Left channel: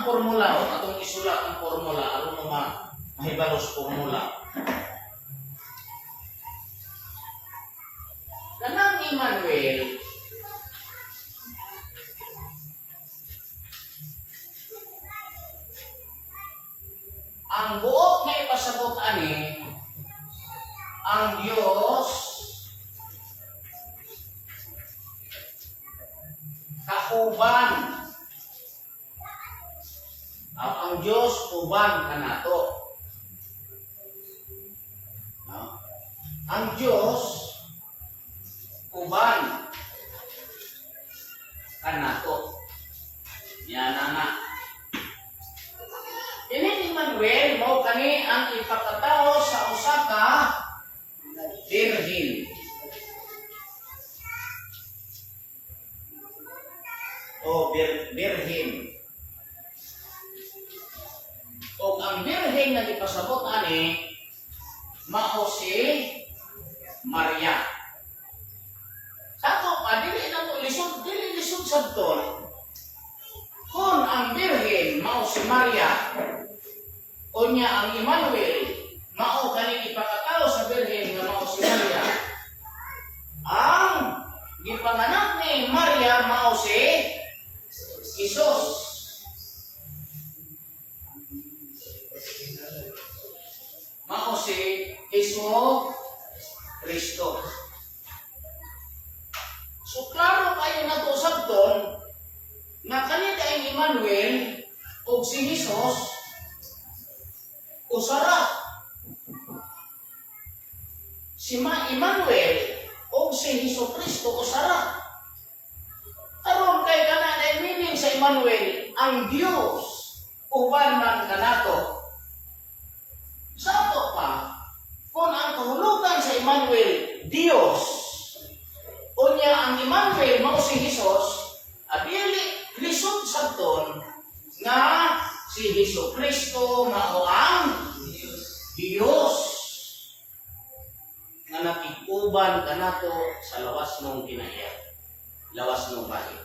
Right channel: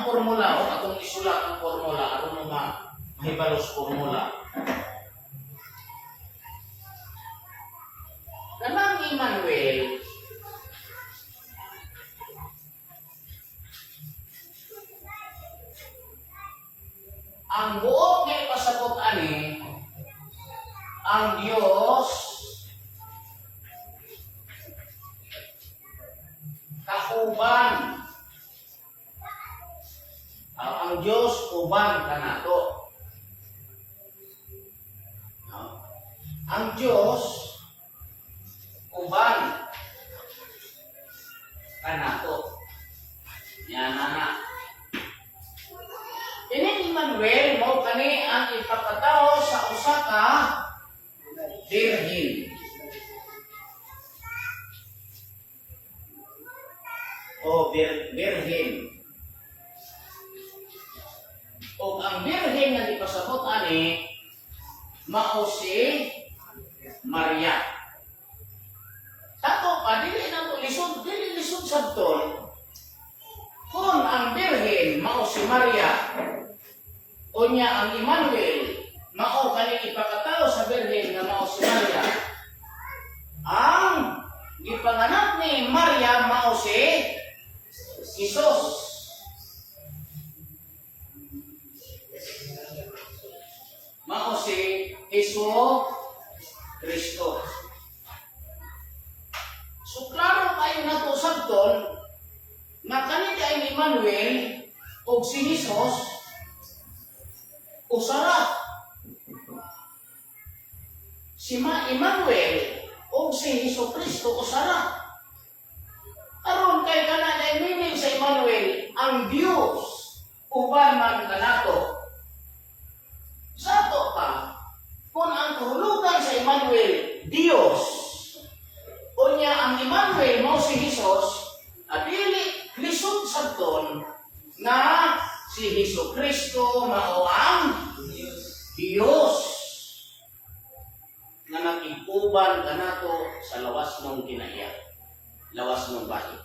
ang formula o atong isulat ang formula aron mahibalos formula. Kanang Emmanuel ang buot nga ipasabot ani ang Dios kauban ang Dios uban kanato. No? Ang Dios uban kanato. Yan na. Ini Emmanuel mao kani ang ipakatao sa usa ka birhen. O birhen. O ang birhen nga ipasabot ani mao si Maria. Sato pa dili na to lisod sabton. Kung ang birhen mao si Maria, unya ang Emmanuel mao kani ipakatao sa birhen nga mao si Maria. Ang gipanganak ni Maria mao si Jesus. Mao si Hesus Kristo. So klaro kayo na to sabton nga kani kay Emmanuel o si Jesus usara. Si Emmanuel o si Hesus Kristo usara. Aron kay kana na meaning sa Emmanuel ang Dios uban man kanato. Sato pa kung ang kahulugan sa Emmanuel Dios unya ang Emmanuel mao si Jesus adili lisod sabton nga si Hesus Kristo mao ang Dios nga nakig-uban kanato sa lawas ng kinaya, lawas ng bahay.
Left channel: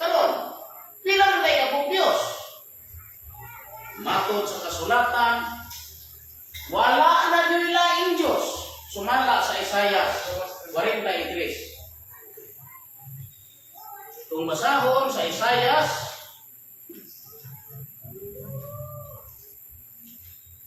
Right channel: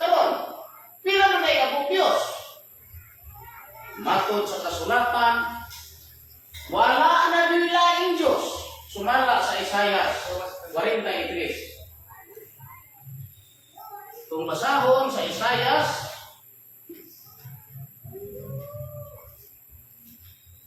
Karon, pila na ang Dios? Matod sa kasulatan, wala na yung laing Diyos. Sumala sa Isaiah 43. Kung basahon sa Isaiah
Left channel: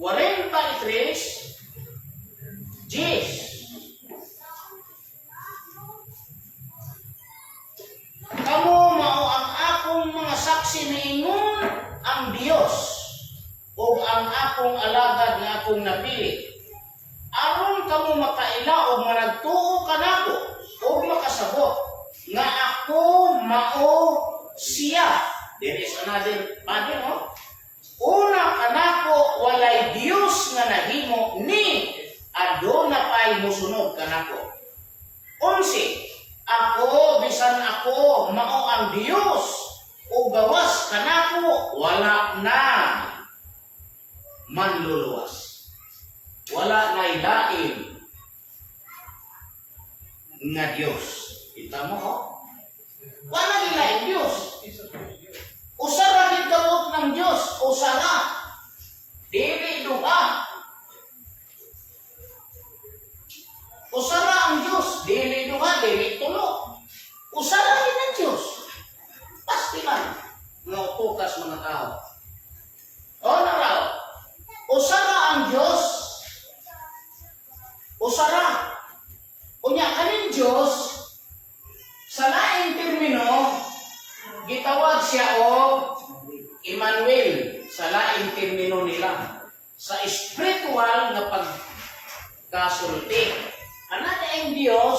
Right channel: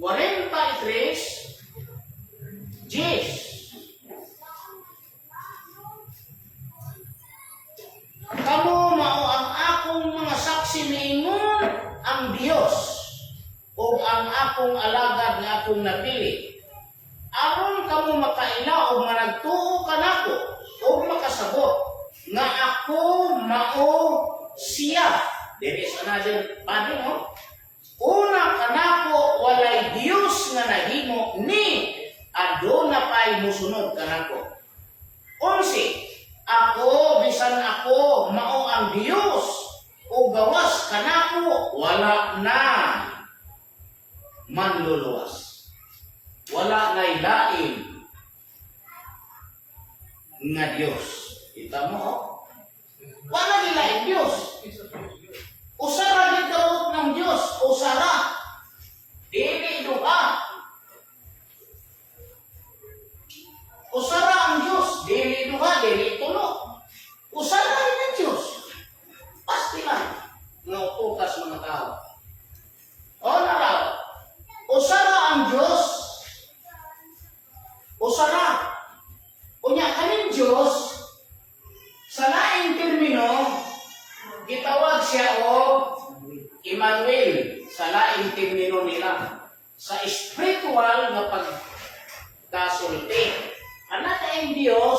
43, 10. Kamu mao ang akong mga saksi niingon ang Dios o ang akong alagad nga akong napili. Aron kamo makailaog managtuo kanako o makasabot nga ako mao siya. There is another padi, no? Una kanako walay Dios nga nahimo ni aduna pay musunod kanako. 11. Ako bisan ako mao ang Dios o gawas kanako wala na manluluwas. Wala na ilain nga Dios. Kita mo, oh? Wala ilain Dios. Usara din karoot ng Diyos. Usara. Dili duha. Usara ang Diyos. Dili duha. Dili tulo. Usara din ang Diyos. Pasti man. Nga utukas mga tao. O naraw. Usara ang Diyos. Usara. Unya kanin Diyos. Sa laing termino, gitawag siya o Emmanuel sa laing termino nila. Sa spiritual na pagkasulti. Anak ang Diyos,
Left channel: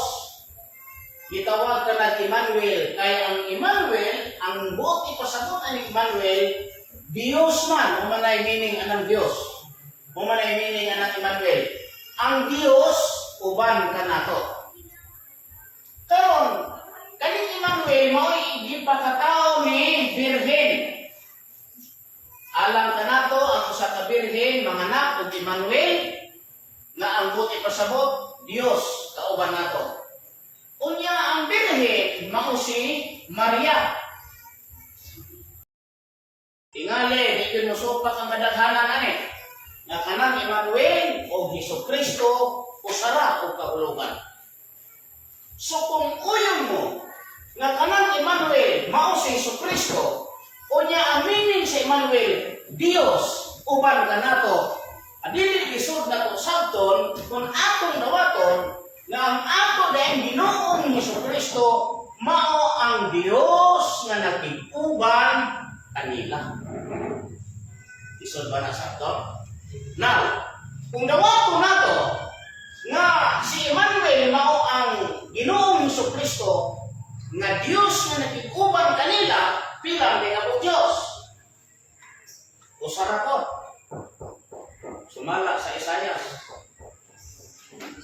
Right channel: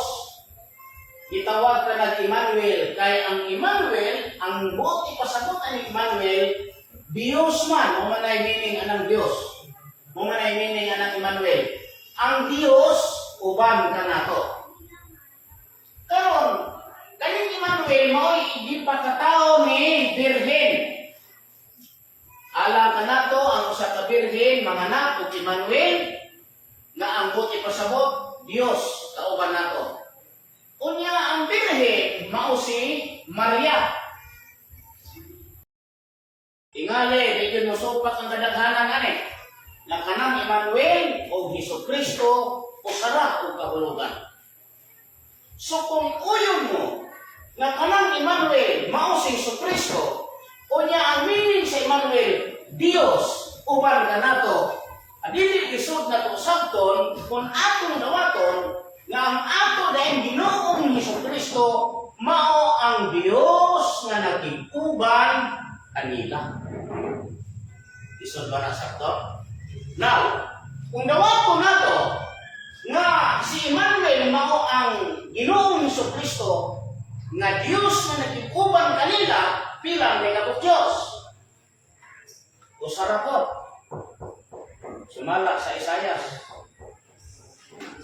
gitawag ka ng Emmanuel. Kaya ang Emmanuel, ang buot ipasabot ang Emmanuel, Diyos man, umanay meaning anang Diyos. Umanay meaning anang Emmanuel. Ang Diyos, uban ka na to. Karon, kaning Emmanuel mo'y gipakatao ni Birhen. Alam ka na to, ang usa ka Birhen, manganak og Emmanuel, nga ang buti pasabot, Dios, kauban na to. Unya ang Birhen, mao si Maria. tingali, di yun musupat ang kadaghanan ani. Nga kanang Emmanuel o Hesus Kristo o sara o kahulugan. So kung uyong mo nga kanang Emmanuel mao si Hesus Kristo o niya aminin sa Emmanuel Dios uban ka nato. Adili isod na to sabton kung atong dawaton nga ang ato dayon Ginoong Hesus Kristo mao ang Dios nga nagtiguban kanila. Isod ba na sakto? Now, kung dawaton nato nga si Emmanuel mao ang Ginoong Hesus Kristo nga Dios nga nagtiguban kanila bilang mga Diyos. Usara ko. Sumala sa Isaias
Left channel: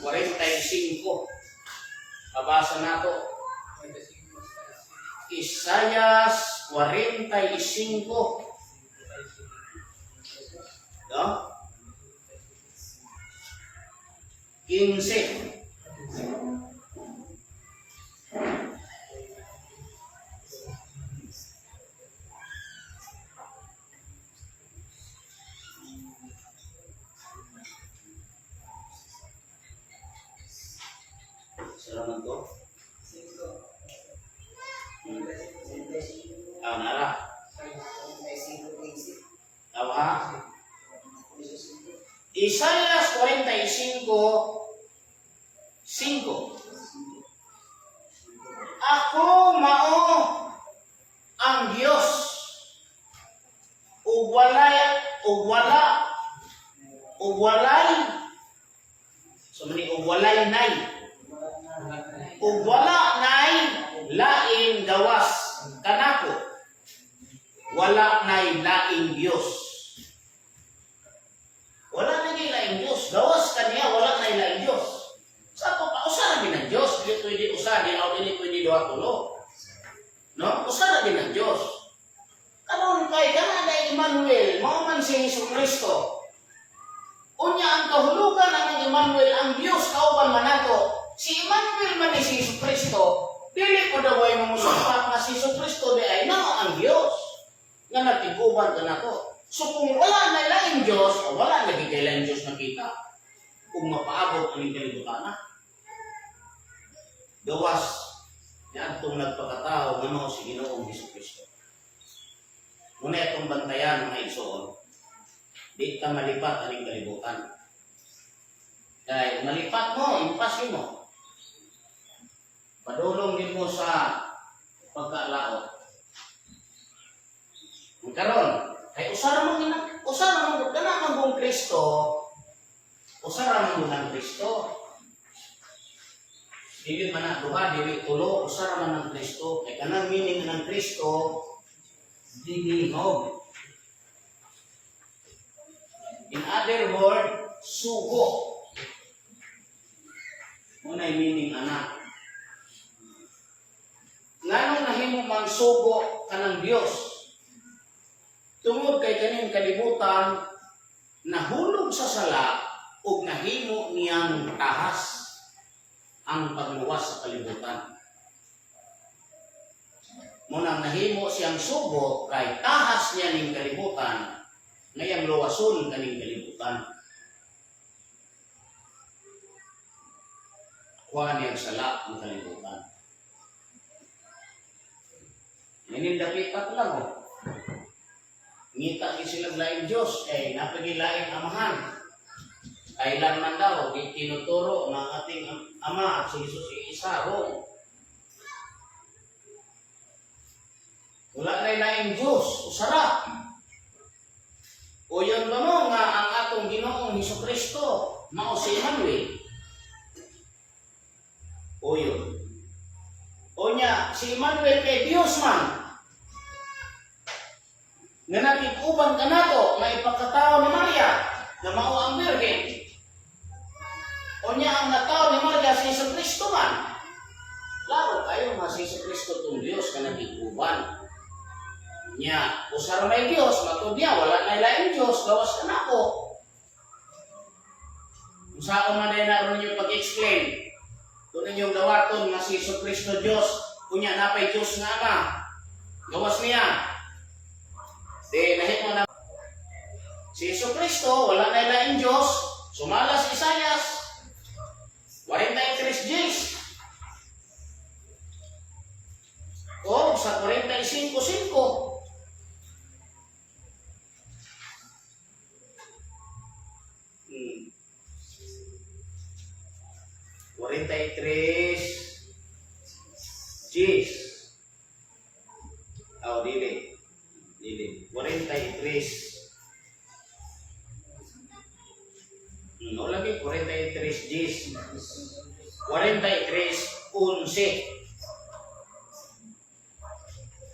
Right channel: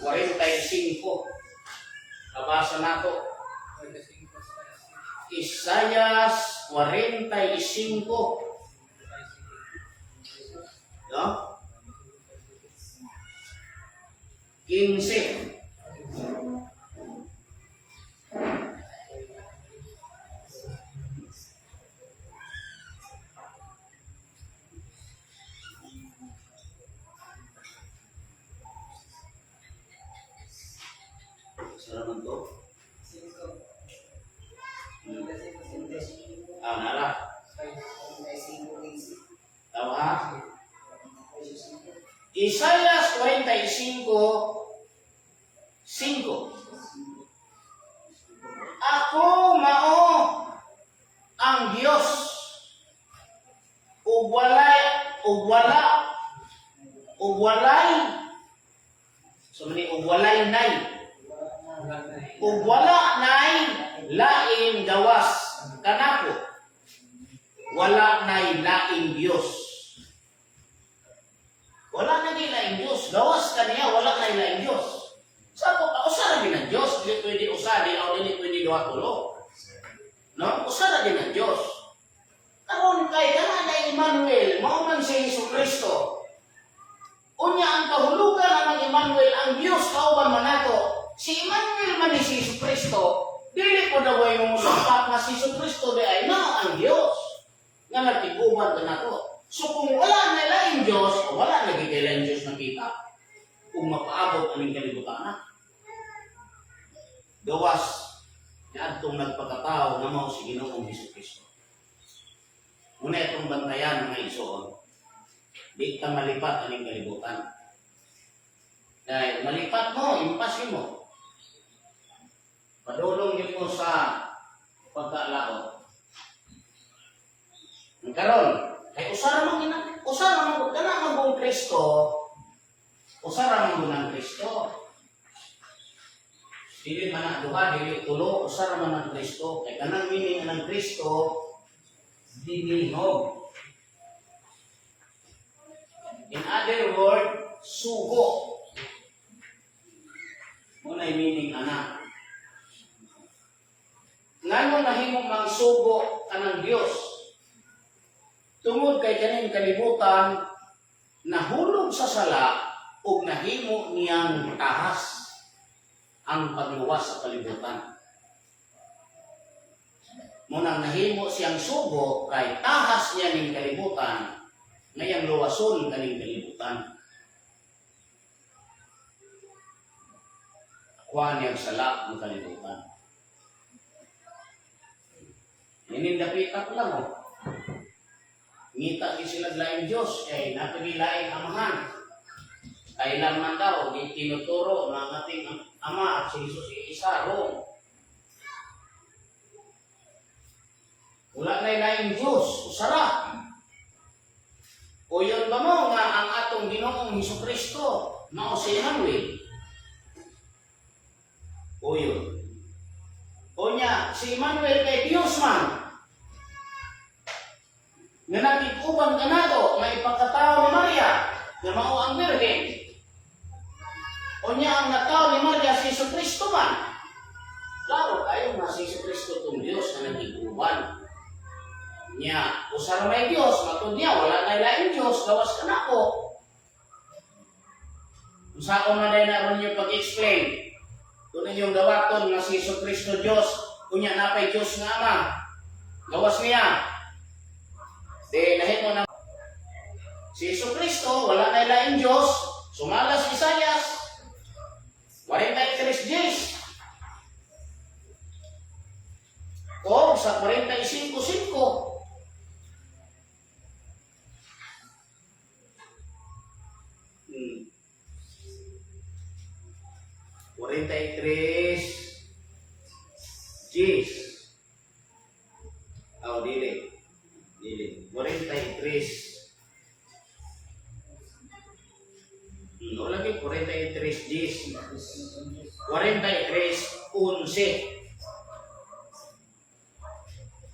45. Kabasa nato. Isaias 45. No? 15. Salamat to. Nara. Tawa ha? Isaias 45, 5. Ako mao ang Dios ug walay so mani ug walay nay ug wala nay laing gawas kanako, wala nay laing Dios. Wala na laing Dios, gawas kaniya wala nay laing Dios. Sa ko pa usa ra din ang Dios, dili pwede usa di o dili pwede duha tulo. No, usa ra din ang Dios. Karon kay kana na Emmanuel, mao man si Hesus Kristo. Unya ang kahulugan ng Emmanuel ang Dios kauban man nato. Si Emmanuel man si Hesus Kristo, dili ko daw ay mumusupat na si Hesus Kristo di ay na ang Dios nga nagtiguban ka nato. So kung wala na laing Diyos, o wala lagi kay laing Diyos nakita, kung mapaabot ang kalibutan na. Gawas niya itong nagpagkatao na mo si Ginoong Hesus Kristo. Muna itong bantayan ng mga igsoon, di ka malipat ang kalibutan. Dahil malipat mo, impasyon mo. Padulong din mo sa pagkalaot. Ang karon, kay usara man kana man Kristo, usara man ng Kristo. Dili man na duha, dili tulo, usara man ng Kristo. Kay kanang meaning ng Kristo, dinihog. In other word, sugo. Muna yung meaning anak. Ngano nahimo mang sugo kanang Dios? Tungod kay kaning kalibutan nahulog sa sala ug nahimo niyang tahas ang pagluwas sa kalibutan. Munang nahimo siyang sugo kay tahas niya ning kalibutan ngayang luwason kaning kalibutan. Kuha niyang sala ng kalibutan. Ninindapita ko lang o. Ngita ki sila laing Diyos, kay napagilaing amahan. Kailan man daw, tinuturo ng ating Ama at si Jesus isa ro. Wala na laing Diyos, usara. O yun ba mo nga ang atong Ginoong Hesus Kristo, mao si Emmanuel? O yun. O niya, si Emmanuel kay Diyos man. Nga nakikuban ka na to, may pagkatao ni Maria, na mao ang Virgin. O niya, ang natao ni Maria, si Hesus Kristo man. Laro kayo nga si Hesus Kristo itong Diyos na nakikuban. Niya, usara may Diyos, matod niya, wala na ilaing Diyos, gawas ka na ko. Kung saan man dahil naroon yung pag-explain, kung ninyong dawaton nga si Hesus Kristo Diyos, kunya napay Diyos nga Ama, gawas niya. Di nahimo na si Jesucristo wala na ilaing Dios, sumala si Isaias 43 Gs. O sa 45:5. Hmm. 43 Gs. Oh, dili. 43. Wala lagi 43 Gs. 43:11.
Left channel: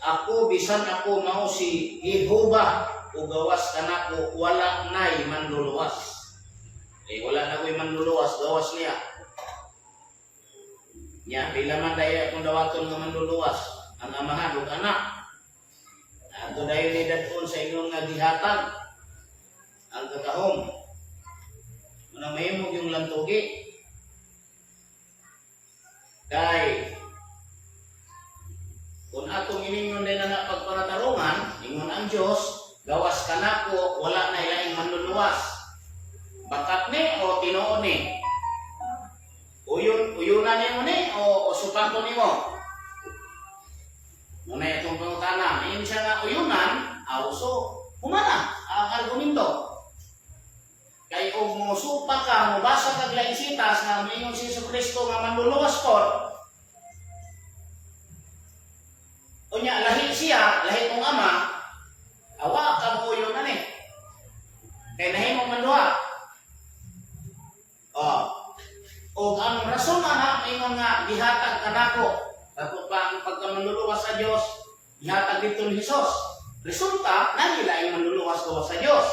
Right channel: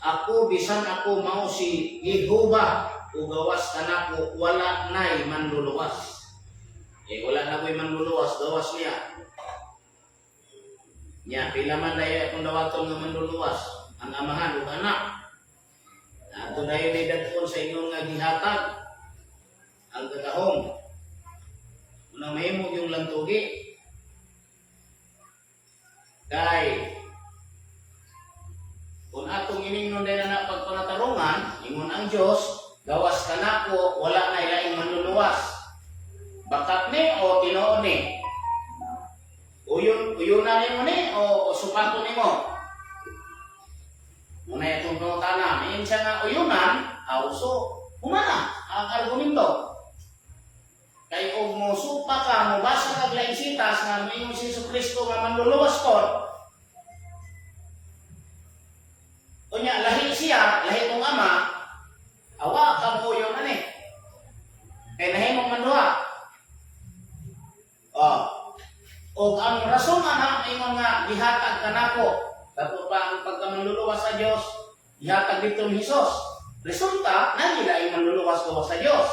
Ako bisan ako mao si Jehovah ugawas kanako wala nay manluluwas. Wala na ko'y manluluwas, gawas niya. Nya pila man daya akong dawaton nga manluluwas, ang amahan ug anak. Ato dayon ni daton sa inyong nagihatag ang kakahom. Unang mahimog yung lantugi. Kay kung atong iningon din na pagpanatarungan, ingon ang Diyos, gawas ka na ko, wala na ilaing manluluwas. Bakat ni o tinuon ni? Uyunan ni mo ni o supato ni mo? Muna itong pangutana, ngayon siya nga uyunan, so humana ang argumento. Kay og mo supa ka, mo basa kag laing sitas nga mayon si Jesucristo nga manluluwas po. Unya lahi siya, lahi kong ama, awa ka mo yun ani. Kay nahimong manduha. O ang rason na ingon nga gihatag kanako. Dato pa ang pagkamanluluwas sa Dios, gihatag dito ni Hesus. Resulta nagila ay manluluwas ko sa Dios.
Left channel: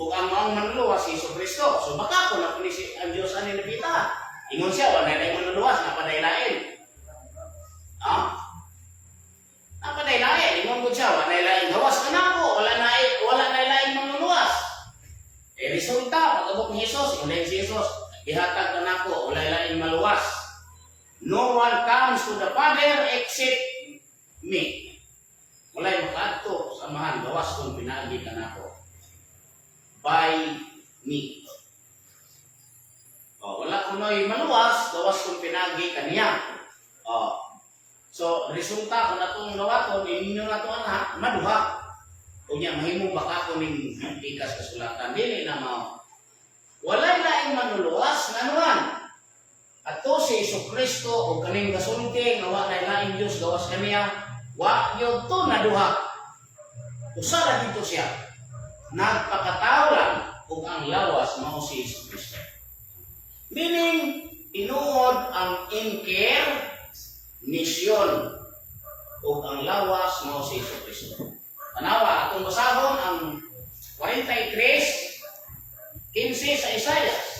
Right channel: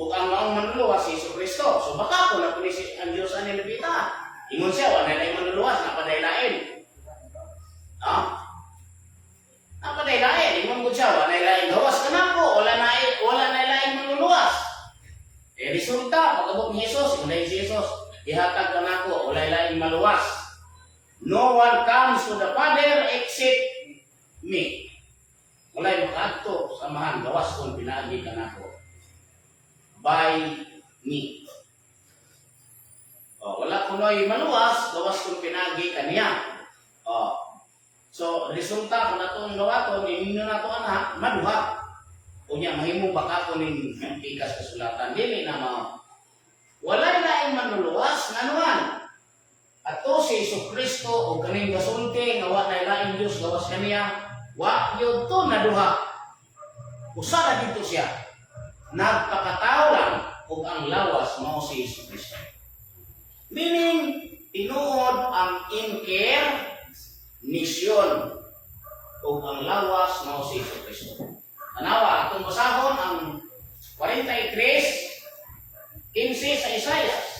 Ug ang maong manluluwas si Jesucristo. So baka ko na pinisi ang Dios ani nabita. Ingon siya wala na manluluwas na padaylain. Napadaylain, ingon ko siya, wala na ilaing gawas ka na po, wala na ilaing manluluwas. Resulta, pag-abot ni Jesus, ingon na si Jesus, ihatag ka na po, wala ilaing maluwas. No one comes to the Father except me. Wala'y makadto, samahan, gawas kung pinaagi ka na po. By me. Wala kuno'y maluwas, gawas kung pinaagi ka niya. So, resulta kung natong gawaton, ininyo na ito anak, maduha. Kung niya, mahimong baka ko ning ikas kasulatan. Dili na walay laing manluluwas, nga naman. At to si Jesucristo, o kaning kasulti, nga walay laing Diyos, gawas kaniya, wa yun to naduha. Usara dito siya. Nagpakatao lang, kung ang lawas mo si Jesucristo. Meaning, tinuod ang misyon o ang lawas mo si Jesucristo. Anawa, atong basahon ang 43:15 sa Isaias.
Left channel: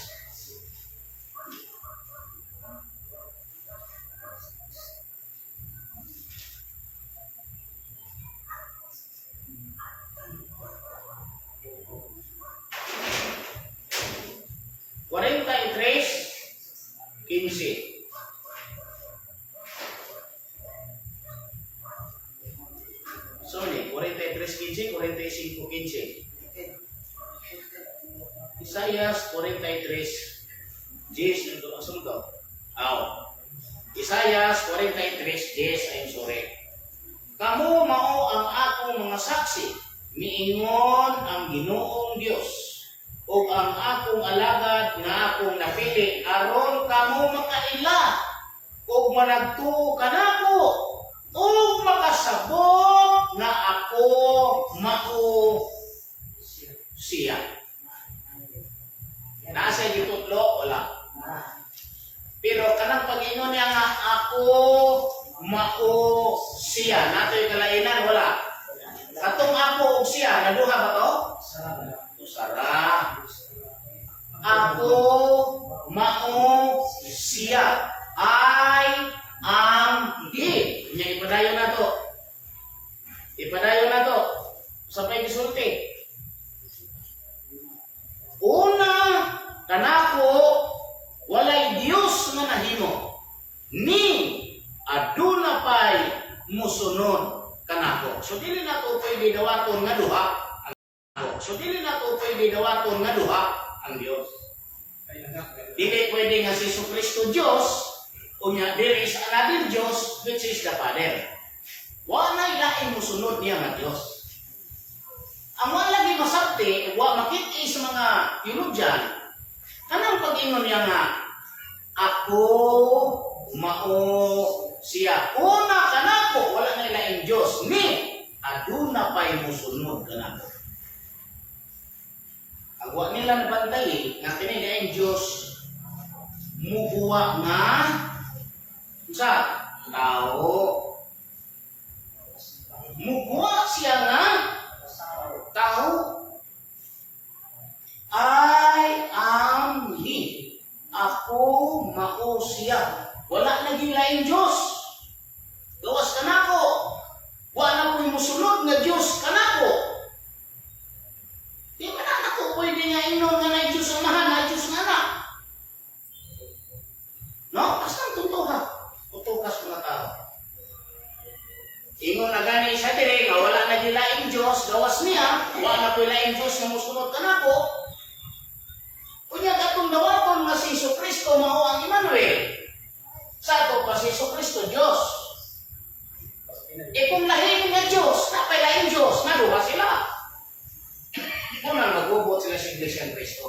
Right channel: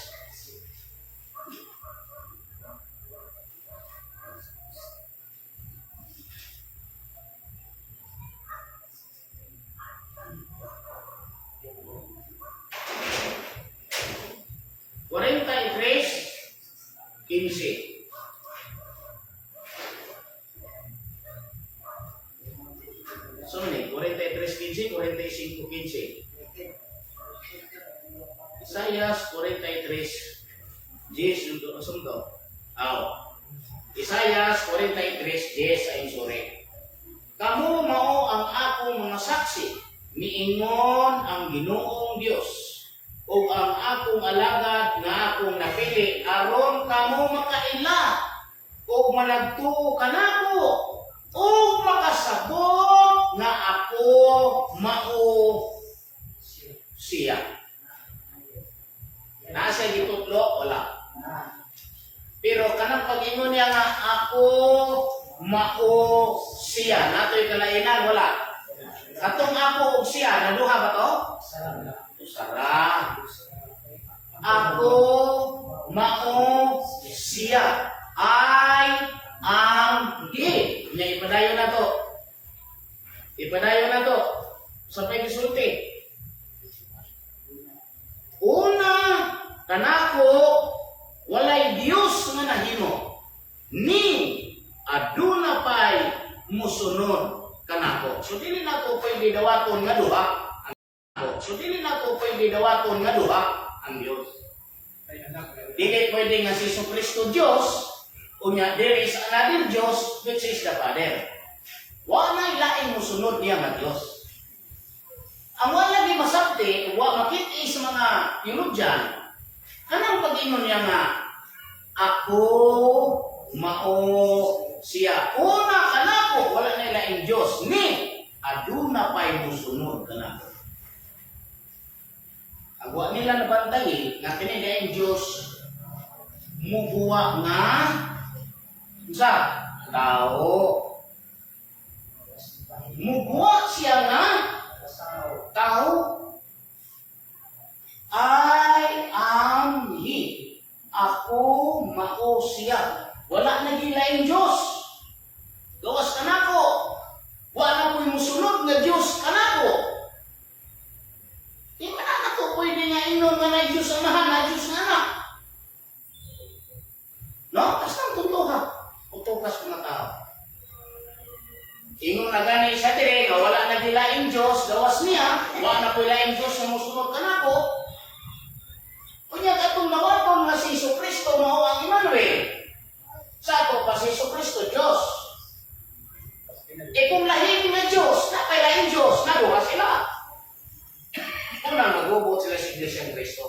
So ni 43:15, 45:15. Isaias 43 10 nito asunto. Isaias 43 10 ayon sore. Kamu mao ang akong mga saksi, miingon ang Ginoong Dios, ug ang akong alagad nga akong napili aron kamo makaila ug managtuo kanako ug makasabot nga ako mao siya. Nasa gitutlo wala. Pero kanang pag-ingon niya nga ako mao siya, natoy kalainan wala. Katong ako ug siya naduha ba to? Usara. Ako mao siya. I am he. Nya ipadayon na to. Ipadayon na to. Sapay gisulti. Una kanako walay Dios nga nahimo. Ni aduna pay musunod kanako. ako. So dili nato pwede dawaton nga duha. So dili nato pwede dawaton nga duha ang Dios. Dili pwede nga si Jesucristo Dios, unya there is another Dios which is the Father. Wa na ilain mo sunod niya nga Dios. Ang wala lagi masabti, wa makit sa mga theologian, kanang pag-ingon niya nga, ako mao siya. Una kanako, wala na ilaing Diyos. Ni, aduna pa'y musunod kanako. Ang wa nila nabantay, nga kinilaing Diyos, mubuwa nga sa tao. Mubuwa siya nga tao. I am He. Ako mao siya. Wala naging laing Diyos. Gawas ka na ko. Wala ko'y musunod nga Diyos ka na ko. Di ba na ko pwede nga inon nga na Diyos amahan, na Diyos nga na. No? Basta ang tutuha. Tutukas mga tao. Ingon na gani siya dire, nga wala naging laing Diyos, gawas niya, wala na ko'y laing Diyos nga musunod ka na ko. Kunya katong dawaton nga si Jesucristo mao ang Emmanuel. Sa ato pa si Jesucristo Diyos. E kung lahing nga Diyos, napay lahing Diyos, naduha sila. Unang nagubot sila sa Iglesia ng Cristo.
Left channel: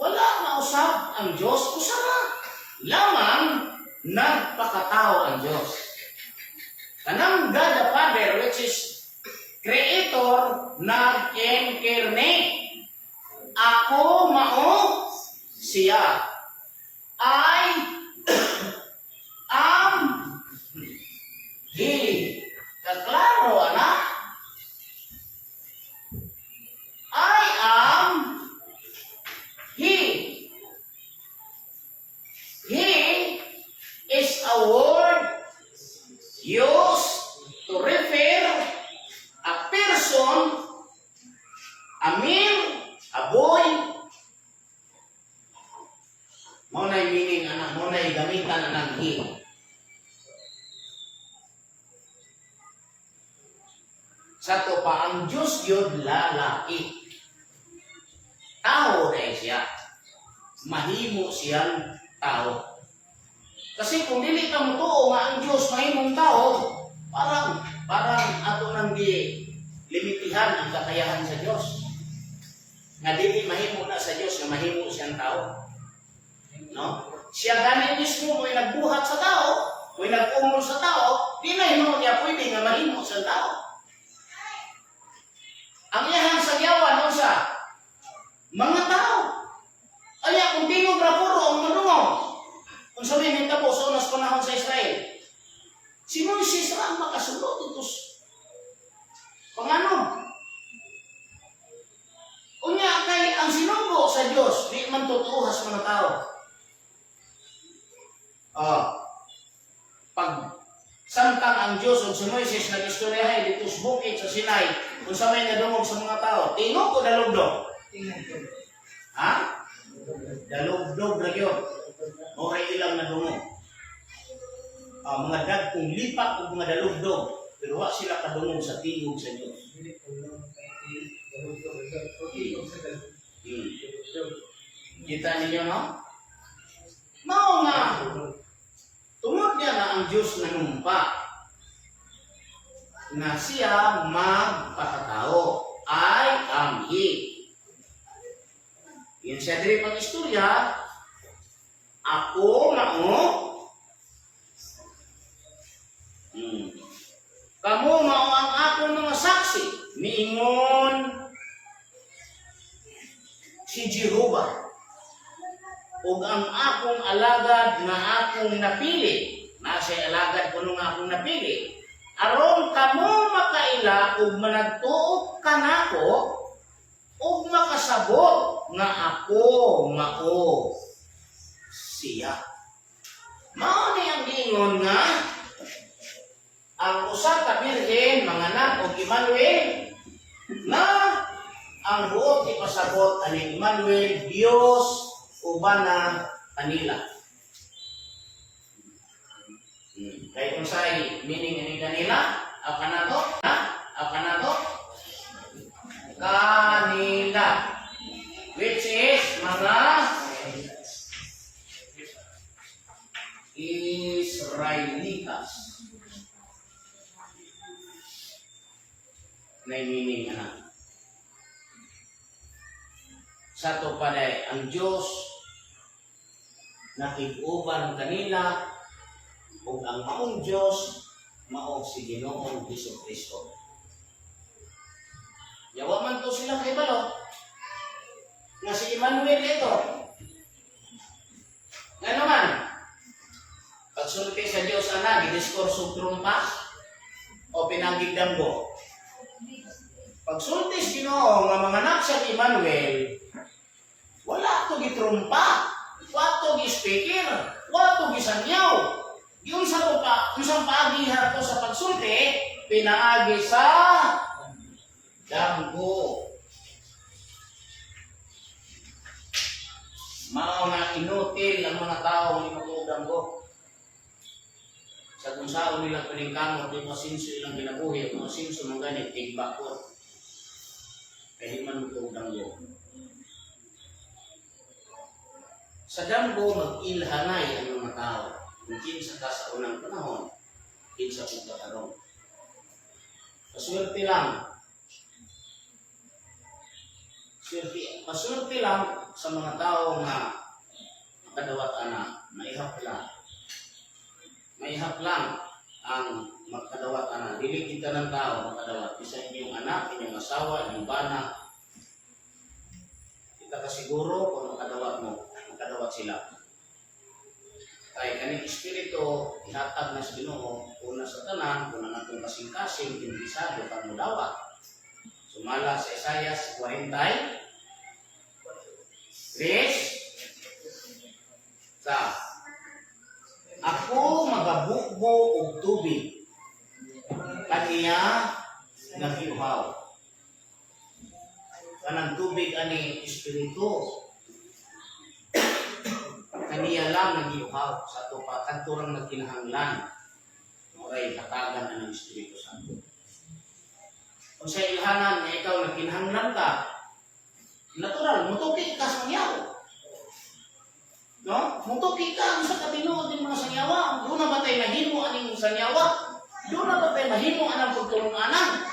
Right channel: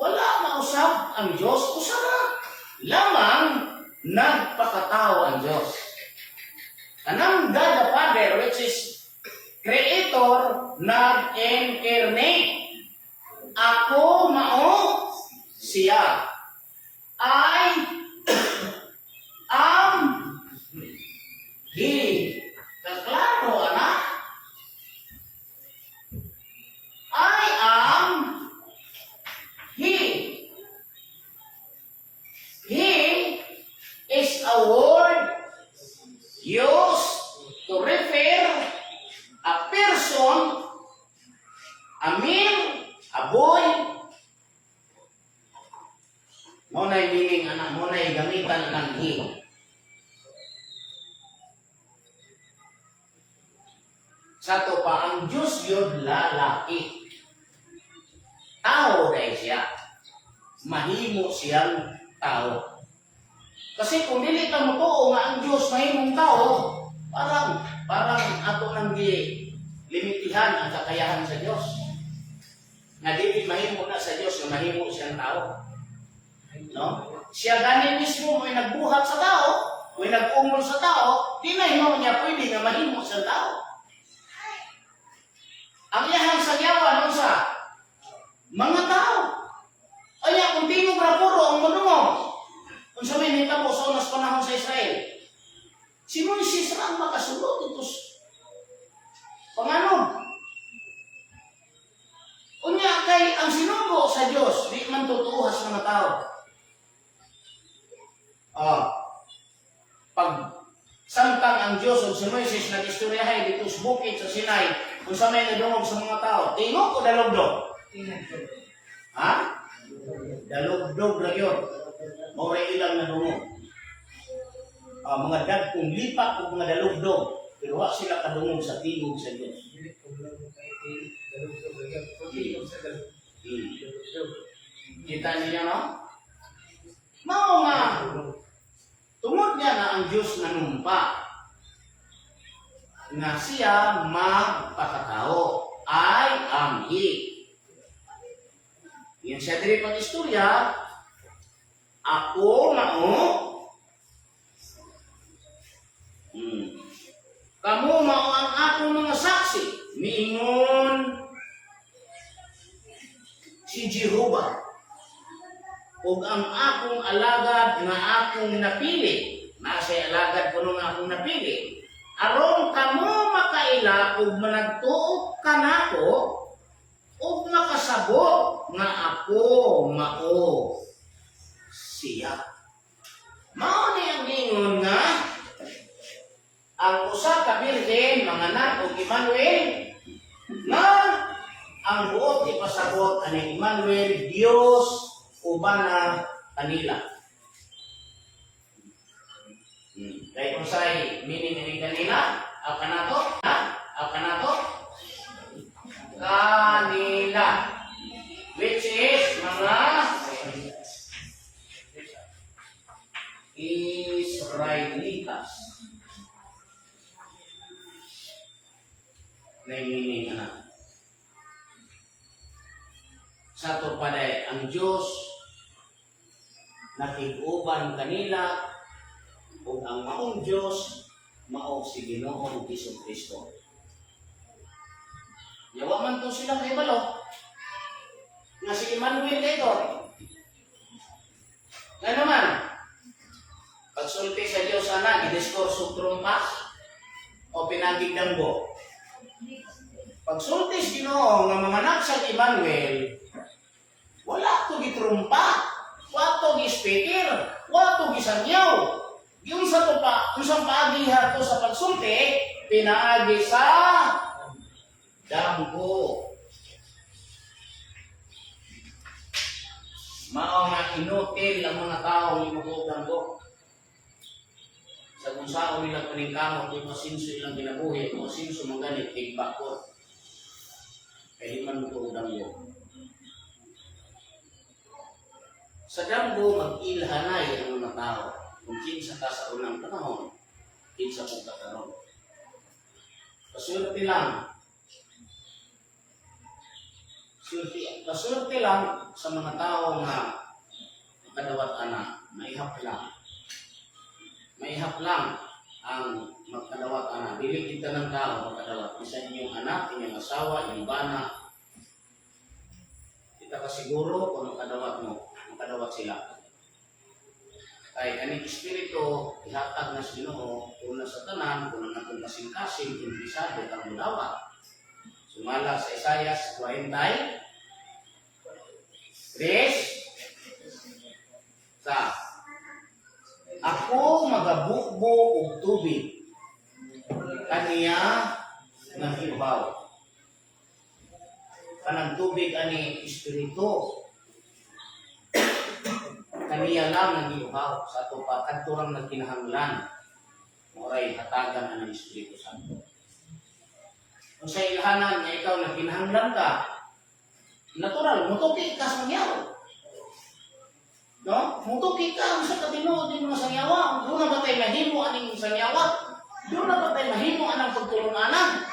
Wala mausap ang Diyos, usara. Lamang nagpakatao ang Diyos. Kanang God the Father, which is Creator, nag-incarnate. Ako mao siya. I am He. Kaklaro, anak? I am He. He is a word used to refer a person, a man, a boy. Mo na meaning anak, mo na gamitan ng He. Sa to pa, ang Diyos yun lalaki. Tao kay siya. Mahimo siyang tao. Kasi kung dili ka mo tuo nga ang Diyos mahimong tao, parang ato nang limitihan ang kakayahan sa Diyos. Nga dili mahimo na sa Diyos, nga mahimo siyang tao. No? Siya gani mismo mo'y nagbuhat sa tao, mo'y nag-umol sa tao, di na himo niya pwede nga mahimo siyang tao. Ang iyahang sagyawan no sa mga tao. Aya kung tingog ra puro ang manungaw. Kung sabihin nitabo sa unas panahon sa Israel, si Moises ra ang makasulod ito pangano. Unya kay ang sinunggo sa Dios di man totoo sa mga tao. Pag samtang ang Diyos o si Moises nag-istoryahay dito sa bukid sa Sinai, kung sa may nadungog sa mga tao, tingog o dalugdog? Ha? Dalugdog na yun. Moray ilang nadungog. Mga dagkong lipat o mga dalugdog, pero wala sila kadungog sa tingog sa Diyos. Kita ninyo, no? Mao nga, tungod niya na ang Diyos nanumpa na siya magpakatao. I am He. Yan siya diri pag-istorya. Ako mao. Kamu mao ang akong mga saksi. Miingon si Jehovah. Ug ang akong alagad nga akong napili, nasa alagad ko nga akong napili, aron kamo makaila ug managtuo kanako ug makasabot nga ako mao siya. Mao ni ang gingon nga ang usa ka birhen manganak og Emmanuel nga ang buot ipasabot ani Emmanuel Dios uban na kanila. Kay unsay meaning ni kanila? Kanato? Kanato? Kanila. Which is mga Israelitas. Na meaning sa to paday ang Diyos nakig-uban kanila ug ang maong Diyos mao si Ginoong Hesukristo. Yawa man to sila kay balo nga si Emmanuel ito. Nga naman pagsulti sa Diyos ana gidiskurso trumpa o pinanggig damgo. Pagsulti sa Ginoo nga manganak sa Emmanuel, wala to gitrumpa, wala to gi-speaker, wala to gisangyaw. Yung sa to pa, unsang paagihar to sa pagsulti, pinaagi sa damgo. Mao nga inutil ang mga tao ng mga damgo. Sa kung saan nila paningkamot, yung masinso ilang ginabuhi, yung masinso mangganit, tigbakot. Kaya man mo ito damgo. Sa damgo, mag-ilhanay ang mga tao. Kung kinsa ka sa unang panahon, kinsa kung kakaroon. Paswerte lang. Paswerte lang sa mga tao nga makadawat ana, maihap lang. Maihap lang ang magkadawat ana. Dili kita ng tao makadawat. Isa inyong anak, inyong asawa, inyong bana. Kita kasiguro kung makadawat mo, makadawat sila. Kaya kaning espiritu, ihatag na sa Ginoo, una sa tanan, kung ang atong kasing-kasing, impisado kang mudawat. Sumala sa Isaias 40, Chris, sa ako magabukbo og tubig, kaniya nagiuhaw. Kanang tubig ani espiritu, kaniya lang nagiuhaw sa ato pa kadturang nagkinahanglan. Moray hatagan ang Espiritu Santo. Kung sa ilhanan nga ikaw nagkinahanglan ka, natural mutuki ka sa ngyaw. No? Mutuki ka sa katinuod ng mga sangyawa. Doon na ba tayo mahimo aning sangyawa? Doon na ba tayo mahimo anang pagtulong-anang?